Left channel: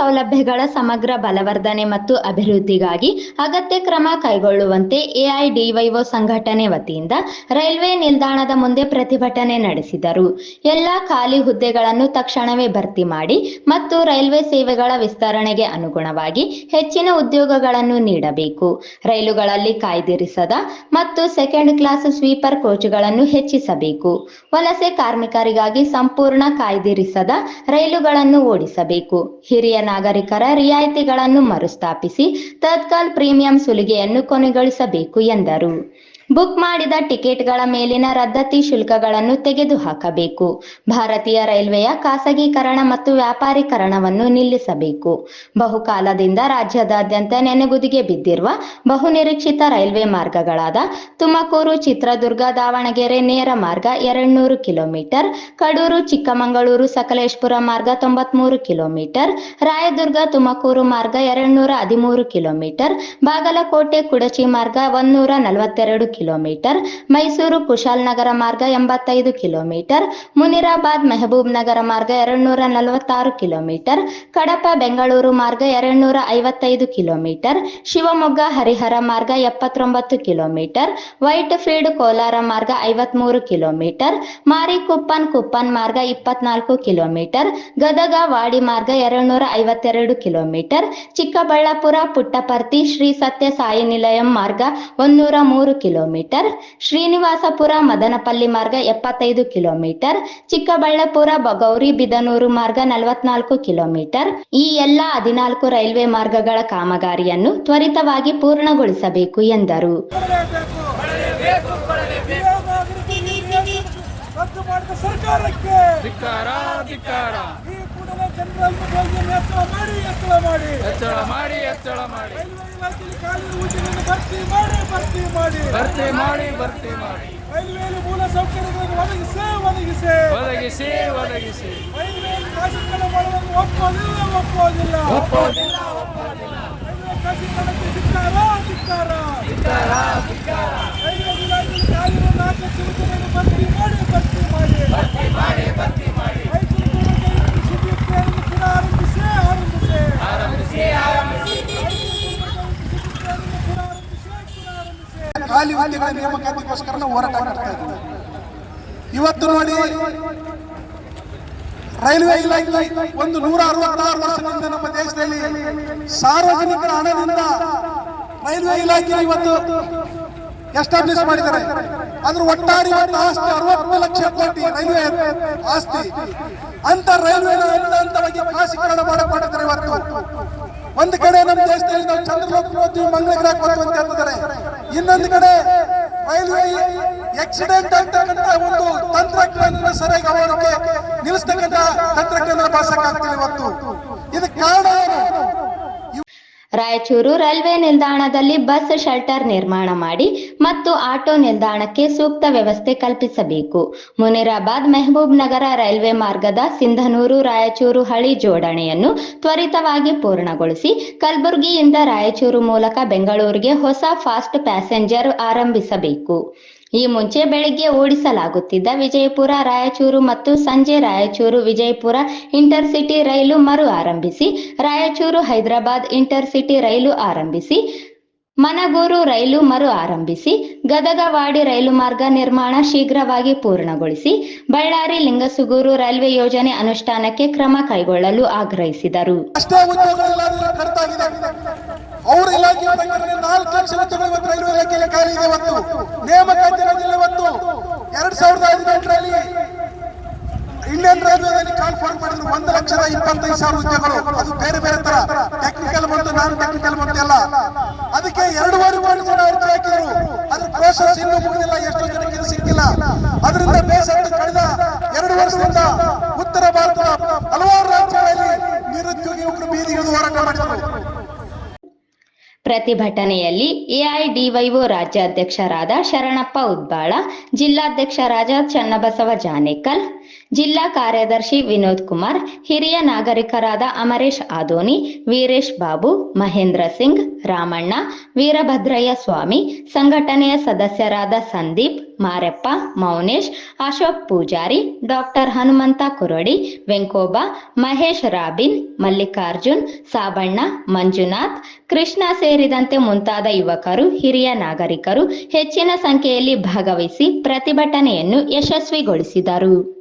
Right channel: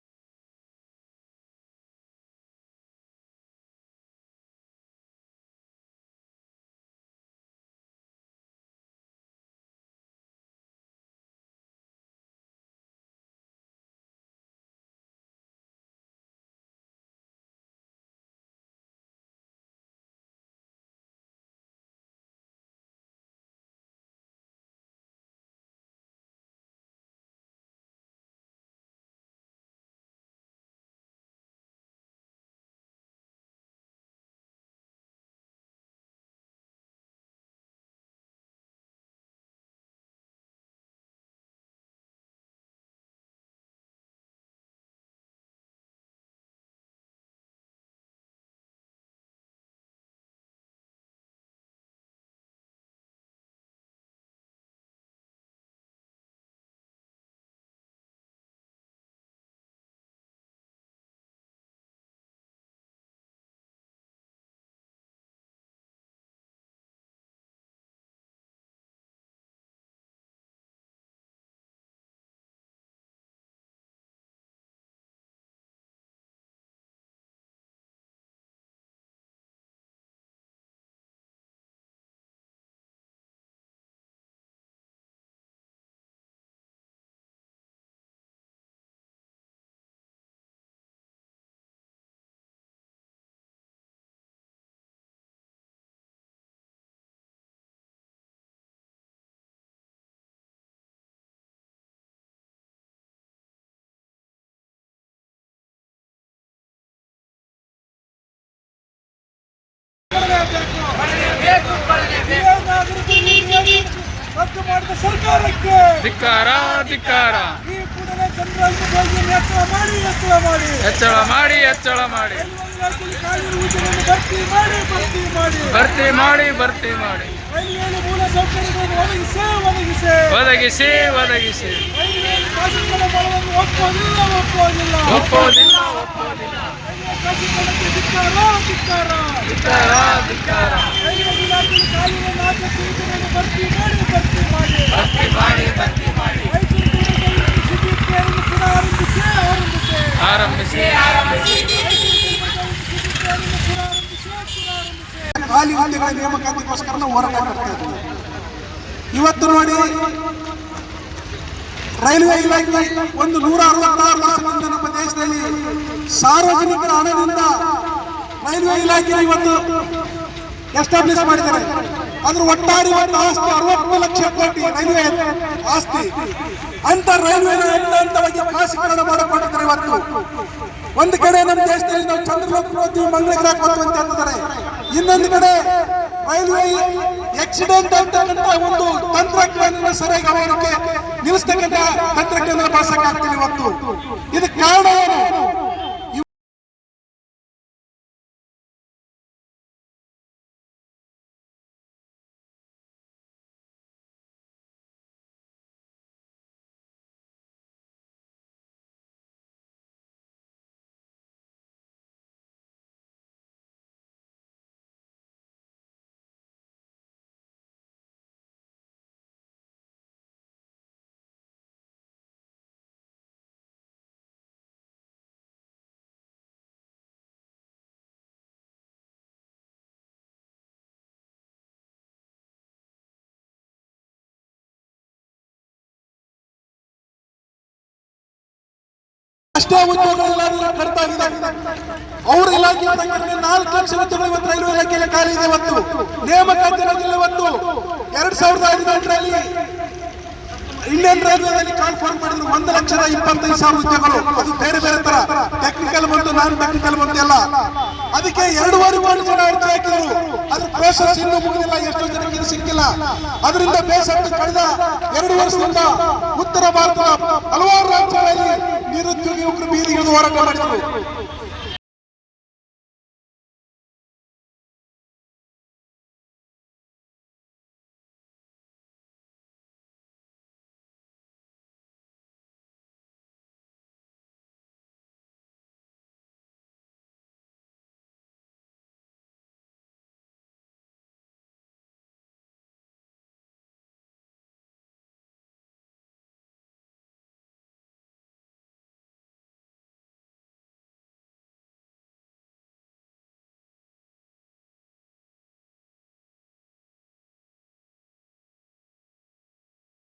ಸೌಲಭ್ಯಗಳ ಸಮಗ್ರ ಬಲವರ್ಧನೆ ಮತ್ತು ಅಭಿವೃದ್ಧಿಗಾಗಿ ಅಗತ್ಯ ಕ್ರಮ ಕೈಗೊಳ್ಳುವಂತೆ ಎಐಡಿವೈಒ ಸಂಘಟನೆ ವತಿಯಿಂದ ರೈಲ್ವೆ ನಿಲ್ದಾಣದ ಮುಂದೆ ಪ್ರತಿಭಟನೆ ನಡೆಸಿದರು. ಎಲ್ಲಾ ಖಾಲಿ ಹುದ್ದೆಗಳನ್ನು ತಕ್ಷಣವೇ ಭರ್ತಿ ಮಾಡಿ ಮತ್ತು ರೈಲ್ವೆ ಸೇವೆಗಳ ವಿಸ್ತರಣೆಗೆ ಅನುಗುಣವಾಗಿ ಹೆಚ್ಚಿನ ಉದ್ಯೋಗಗಳನ್ನು ನೀಡಬೇಕು. ರೈಲುಗಳಲ್ಲಿ ಕಾಯ್ದಿರಿಸದ ಮತ್ತು ಸೆಕೆಂಡ್ ಕ್ಲಾಸ್ ಸ್ವೀಪರ್ ಕೋಚ್ಗಳನ್ನು ಹೆಚ್ಚಿಸಬೇಕು. ವಲಸೆ ಕಾರ್ಮಿಕರಿಗಾಗಿ ಸಂಪೂರ್ಣ ಕಾಯ್ದಿರಿಸದ ರೈಲುಗಳನ್ನು ಓಡಿಸಬೇಕು. ಹಿರಿಯ ನಾಗರಿಕರ ರಿಯಾಯಿತಿಗಳನ್ನು ಮರುಸ್ಥಾಪಿಸಿ ತತ್ಕಾಲ್ ಪ್ರೀಮಿಯಂ ಸುಲಿಗೆಯನ್ನು ಕೊನೆಗೊಳಿಸಬೇಕು ಎಂದರು. ಬುಕ್ ಮಾಡಿದ ಟಿಕೆಟ್ಗಳ ಮೇಲಿನ ರದ್ದತಿ ಶುಲ್ಕಗಳನ್ನು ತೆಗೆದುಹಾಕಬೇಕು. ಭಾರತೀಯ ರೈಲ್ವೆಯ ಖಾಸಗೀಕರಣ ಮತ್ತು ವ್ಯಾಪಾರೀಕರಣವನ್ನು ನಿಲ್ಲಿಸಬೇಕು. ಬಹುಕಾಲದಿಂದ ರಾಜ್ಯದಾದ್ಯಂತ ನೆನೆಗುದಿಗೆ ಬಿದ್ದಿರುವ ಬಹುನಿರೀಕ್ಷಿತ ರೈಲ್ವೆ ಮಾರ್ಗಗಳಾದ ತುಮಕೂರು, ಚಿತ್ರದುರ್ಗ, ದಾವಣಗೆರೆ ನೇರ ಮಾರ್ಗ 200 ಕಿಲೋಮೀಟರ್, ಕಡೂರು, ಚಿಕ್ಕಮಗಳೂರು, ಸಕಲೇಶಪುರ ಮಾರ್ಗ 93 ಕಿಲೋಮೀಟರ್, ರಾಯದುರ್ಗ ತುಮಕೂರು ಮಾರ್ಗ 213 ಕಿಲೋಮೀಟರ್, ಬಾಗಲಕೋಟೆ ಕುಡಚಿ ಮಾರ್ಗ 142 ಕಿಲೋಮೀಟರ್, ಮೈಸೂರು ಕುಶಾಲನಗರ ಮಾರ್ಗ 85 ಕಿಲೋಮೀಟರ್, ಮುನಿರಾಬಾದ್ ಮೆಹಬೂಬ್ ನಗರ ಮಾರ್ಗ 246 ಕಿಲೋಮೀಟರ್, ಕಡಪ ಬೆಂಗಳೂರು ಮಾರ್ಗ 255 ಕಿಲೋಮೀಟರ್, ಶಿವಮೊಗ್ಗ ಹರಿಹರ ಮಾರ್ಗ 79 ಕಿಲೋಮೀಟರ್, ವೈಟ್ ಫೀಲ್ಡ್ ಕೋಲಾರ ಮಾರ್ಗ 53 ಕಿಲೋಮೀಟರ್, ಮಾರಿಕುಪ್ಪನ್ ಮಾರ್ಗ 24 ಕಿಲೋಮೀಟರ್, ಗದಗ ವಾಡಿ ಮಾರ್ಗ 252 ಕಿಲೋಮೀಟರ್, ಚಿಕ್ಕಬಳ್ಳಾಪುರ ಪುಟ್ಟಪರ್ತಿ ಶ್ರೀ ಸತ್ಯ ಸಾಯಿ ನಿಲಯಂ ಮಾರ್ಗ 103 ಕಿಲೋಮೀಟರ್, ಶ್ರೀನಿವಾಸಪುರ ಮದನಪಲ್ಲಿ ಮಾರ್ಗ 75 ಕಿಲೋಮೀಟರ್, ಚಿಕ್ಕಬಳ್ಳಾಪುರ ಗೌರಿಬಿದನೂರು ಮಾರ್ಗ 44 ಕಿಲೋಮೀಟರ್. ಈ ಎಲ್ಲ 14 ರೈಲ್ವೆ ಮಾರ್ಗಗಳ ಕಾಮಗಾರಿಯನ್ನು ತ್ವರಿತವಾಗಿ ಪೂರ್ಣಗೊಳಿಸಬೇಕು ಎಂದರು. ಸರ್ಕಾರಕ್ಕೆ ಹೆಚ್ಚಳ ಮಾಡಿ ಭರ್ತಿ ಮಾಡಿ ರೈಲ್ವೆ ಮೂಲ ಸೌಕರ್ಯಗಳನ್ನು ಒದಗಿಸಿ ಒಪ್ಪೋದಿಲ್ಲ. ರೈಲ್ವೆ ಇಲಾಖೆ ಕಾನೂನು ಭರ್ತಿ ಮಾಡಿ ಖಾಲಿ ಹುದ್ದೆಗಳ ನೇಮಕಾತಿಗೋಸ್ಕರ ನಾವು ಹೋರಾಟ ಮಾಡ್ತಾ ಇದ್ದೀವಿ. ಇವತ್ತು ನೋಡಿ, ರೈಲ್ವೆ ಇಲಾಖೆ ಒಂದು 166 ವರ್ಷಗಳಿಂದ ನಮ್ಮ ದೇಶದಲ್ಲಿ ಸಾರ್ವಜನಿಕರ ಹಣದಿಂದ ರೈಲ್ವೆ ಇಲಾಖೆ ಇವತ್ತು ಎಸ್ಟಾಬ್ಲಿಷ್ ಮಾಡಿದ್ದಾರೆ. ಅದ್ರ ಒಟ್ಟಾರೆ ಆಸ್ತಿ 60 ಲಕ್ಷ ಕೋಟಿ ರೈಲ್ವೆ ಆಸ್ತಿ. ಅಂತ ರೈಲ್ವೆ ಹಂತವಾಗಿ ಖಾಸಗೀಕರಣ ಮಾಡಿಕೊಂಡಿದ್ದಾರೆ. ಇವತ್ತು ಒಂದು ಕಡೆ ನಮ್ಮ ದೇಶದಲ್ಲಿ ನಾವು ಚಂದ್ರಲೋಕ ಹೋಗ್ತೀವಿ, ಮಂಗಳಗ್ರಹಕ್ಕೆ ಹೋಗ್ತೀವಿ ಅಂತ ಹೇಳ್ತಿದ್ದಾರೆ. ಇನ್ನೊಂದು ಕಡೆ ರೈಲ್ವೆ ಆಕ್ಸಿಡೆಂಟ್ ಅಂತಕ್ಕಂಥ ಒಂದು ತಂತ್ರಜ್ಞಾನ ಸರಿಯಾಗಿ ಅವರಿಗೆ ನಿಲ್ಲಿಸ್ತಕ್ಕಂಥ ತಂತ್ರಜ್ಞಾನ ಬಳಸಕ್ಕಾಗ್ತಿಲ್ಲ. ಇವತ್ತು ಇದಕ್ಕೆ ಕಾರಣ ಏನು? ರಾಯಚೂರು ರೈಲ್ವೆ ನಿಲ್ದಾಣದಲ್ಲಿ ಬಸ್ ಶೆಲ್ಟರ್ ನಿರ್ಮಾಣ ಮಾಡಿ ಮತ್ತು ಆಟೋ ನಿಲ್ದಾಣಕ್ಕೆ ಸೂಕ್ತ ವ್ಯವಸ್ಥೆ ಕಲ್ಪಿಸಬೇಕು. ಮುನಿರಾಬಾದ್ ಮೆಹಬೂಬ್ ನಗರ ರೈಲ್ವೆ ಮಾರ್ಗದ ಸಿಂಧನೂರು ರಾಯಚೂರು ಹಳಿ ಜೋಡಣೆಯನ್ನು ತ್ವರಿತವಾಗಿ ಪೂರ್ಣಗೊಳಿಸಿ ಕಲಬುರಗಿಯಿಂದ ರಾಯಚೂರು ಮೂಲಕ ಬೆಂಗಳೂರಿಗೆ ಹೊಸ ಫಾಸ್ಟ್ ಪ್ಯಾಸೆಂಜರ್ ಆರಂಭಿಸಬೇಕು. ಈ ಮುಂಚೆ ಬೆಳಗ್ಗೆ ಓಡಿಸಲಾಗುತ್ತಿದ್ದ ವಿಜಯಪುರ ರಾಯಚೂರು ಮತ್ತು ಸಂಜೆ ರಾಯಚೂರು ವಿಜಯಪುರ ಇಂಟರ್ಸಿಟಿ ರೈಲು ಮರು ಆರಂಭಿಸಿ, ರಾಯಚೂರು ಹೈದರಾಬಾದ್ ಇಂಟರ್ಸಿಟಿ ರೈಲು ಆರಂಭಿಸಿ, ಮನಗೂರು ರೈಲು ಮರು ಆರಂಭಿಸಿ, ಗದಗ ವಾಡಿ ರೈಲು ಮಾರ್ಗ ನಿರ್ಮಾಣ ಶೀಘ್ರವಾಗಿ ಪೂರ್ಣಗೊಳಿಸಿ, ಬಳ್ಳಾರಿ ಲಿಂಗಸುಗೂರು ರೈಲ್ವೆ ಯೋಜನೆ ಅನುಷ್ಠಾನಕ್ಕೆ ಕ್ರಮ ಕೈಗೊಳ್ಳಲು ಆಗ್ರಹಿಸಿದರು. ಅವ್ರ ಇಲಾಖೆ 4 ಲಕ್ಷ ಹುದ್ದೆಗಳು ರೈಲ್ವೆ ಇಲಾಖೆಯಲ್ಲಿ ಖಾಲಿ ಇದೆ. ಇವತ್ತು ನೇಮಕಾತಿ ಇವತ್ತು 2018ರಲ್ಲಿ ಇಂಡಿಯನ್ ರೈಲ್ವೆದಲ್ಲಿ ಕಾನ್ಫರ್ಮ್ ಮಾಡಿದ್ರು 1,25,000 ಹುದ್ದೆಗಳು. ಅದು ಬೇರೆ ತರ ಟೆಕ್ನಿಕಲ್ ಬಂತು, ನಾನ್ ಟೆಕ್ನಿಕಲ್ ಬಂತು ಎಲ್ಲ. ಅದಕ್ಕೆ 2.5 ಕೋಟಿ ಜನ ಅರ್ಜಿ ಹಾಕಿದ್ರು. ಅದ್ರ ಪ್ರೋಸೆಸ್ ಇನ್ನೂ ಮುಗಿದಿಲ್ಲ, ಎಷ್ಟೋ ಜನಕ್ಕೆ ಇದು ಸಿಕ್ಕಿಲ್ಲ. ಅದರಿಂದ ಬೇಸತ್ತು ಕಳೆದ 2 ವರ್ಷದಿಂದ ಉತ್ತರ ಭಾರತದ ಹಲವಾರು ರಾಜ್ಯಗಳಲ್ಲಿ ನಿರುದ್ಯೋಗಿ ಯುವಕರು ಬೀದಿಗಿಳಿದು ಹೋರಾಟ ಮಾಡಿದರು. ಪ್ರತಿಭಟನೆಯಲ್ಲಿ ಎಐಡಿವೈಒ ರಾಜ್ಯಾಧ್ಯಕ್ಷರಾದ ಶರಣಪ್ಪ ಉದ್ಬಾಳ, ಜಿಲ್ಲಾಧ್ಯಕ್ಷರಾದ ಚನ್ನಬಸವ ಜಾನೇಕಲ್, ಜಿಲ್ಲಾ ಕಾರ್ಯದರ್ಶಿ ವಿನೋದ್ ಕುಮಾರ್, ಹಿರಿಯ ನಾಗರಿಕರಾದ ಅಮರೇಶ್ ಆದೋನಿ, ವೀರೇಶ್ ಬಾಬು, ಮಹೇಂದ್ರ ಸಿಂಗ್, ರಾಮಣ್ಣ, ವೀರಭದ್ರಯ್ಯ ಸ್ವಾಮಿ, ಸಂಘಟನೆಯ ಸದಸ್ಯರಾದ ಸಂದೀಪ್, ಮಾರೆಪ್ಪ, ಮೌನೇಶ್, ಅಶೋಕ್ ಪೂಜಾರಿ, ಡಾಕ್ಟರ್ ಹನುಮಂತ ಕುರಡಿ, ವೆಂಕೋಬ, ಮಹೇಶ್ ರಾಬಿನ್, ಮಲ್ಲಿಕಾರ್ಜುನ್, ಸಾಬಣ್ಣ, ಮಂಜುನಾಥ್, ಕೃಷ್ಣ ಸೇರಿದಂತೆ ಮುಂತಾದ ಯುವಕರು, ಹಿರಿಯ ನಾಗರಿಕರು ಹೆಚ್ಚಿನ ಸಂಖ್ಯೆಯಲ್ಲಿ ಭಾಗವಹಿಸಿ ಪ್ರತಿಭಟನೆಯನ್ನು ಯಶಸ್ವಿಗೊಳಿಸಿದರು.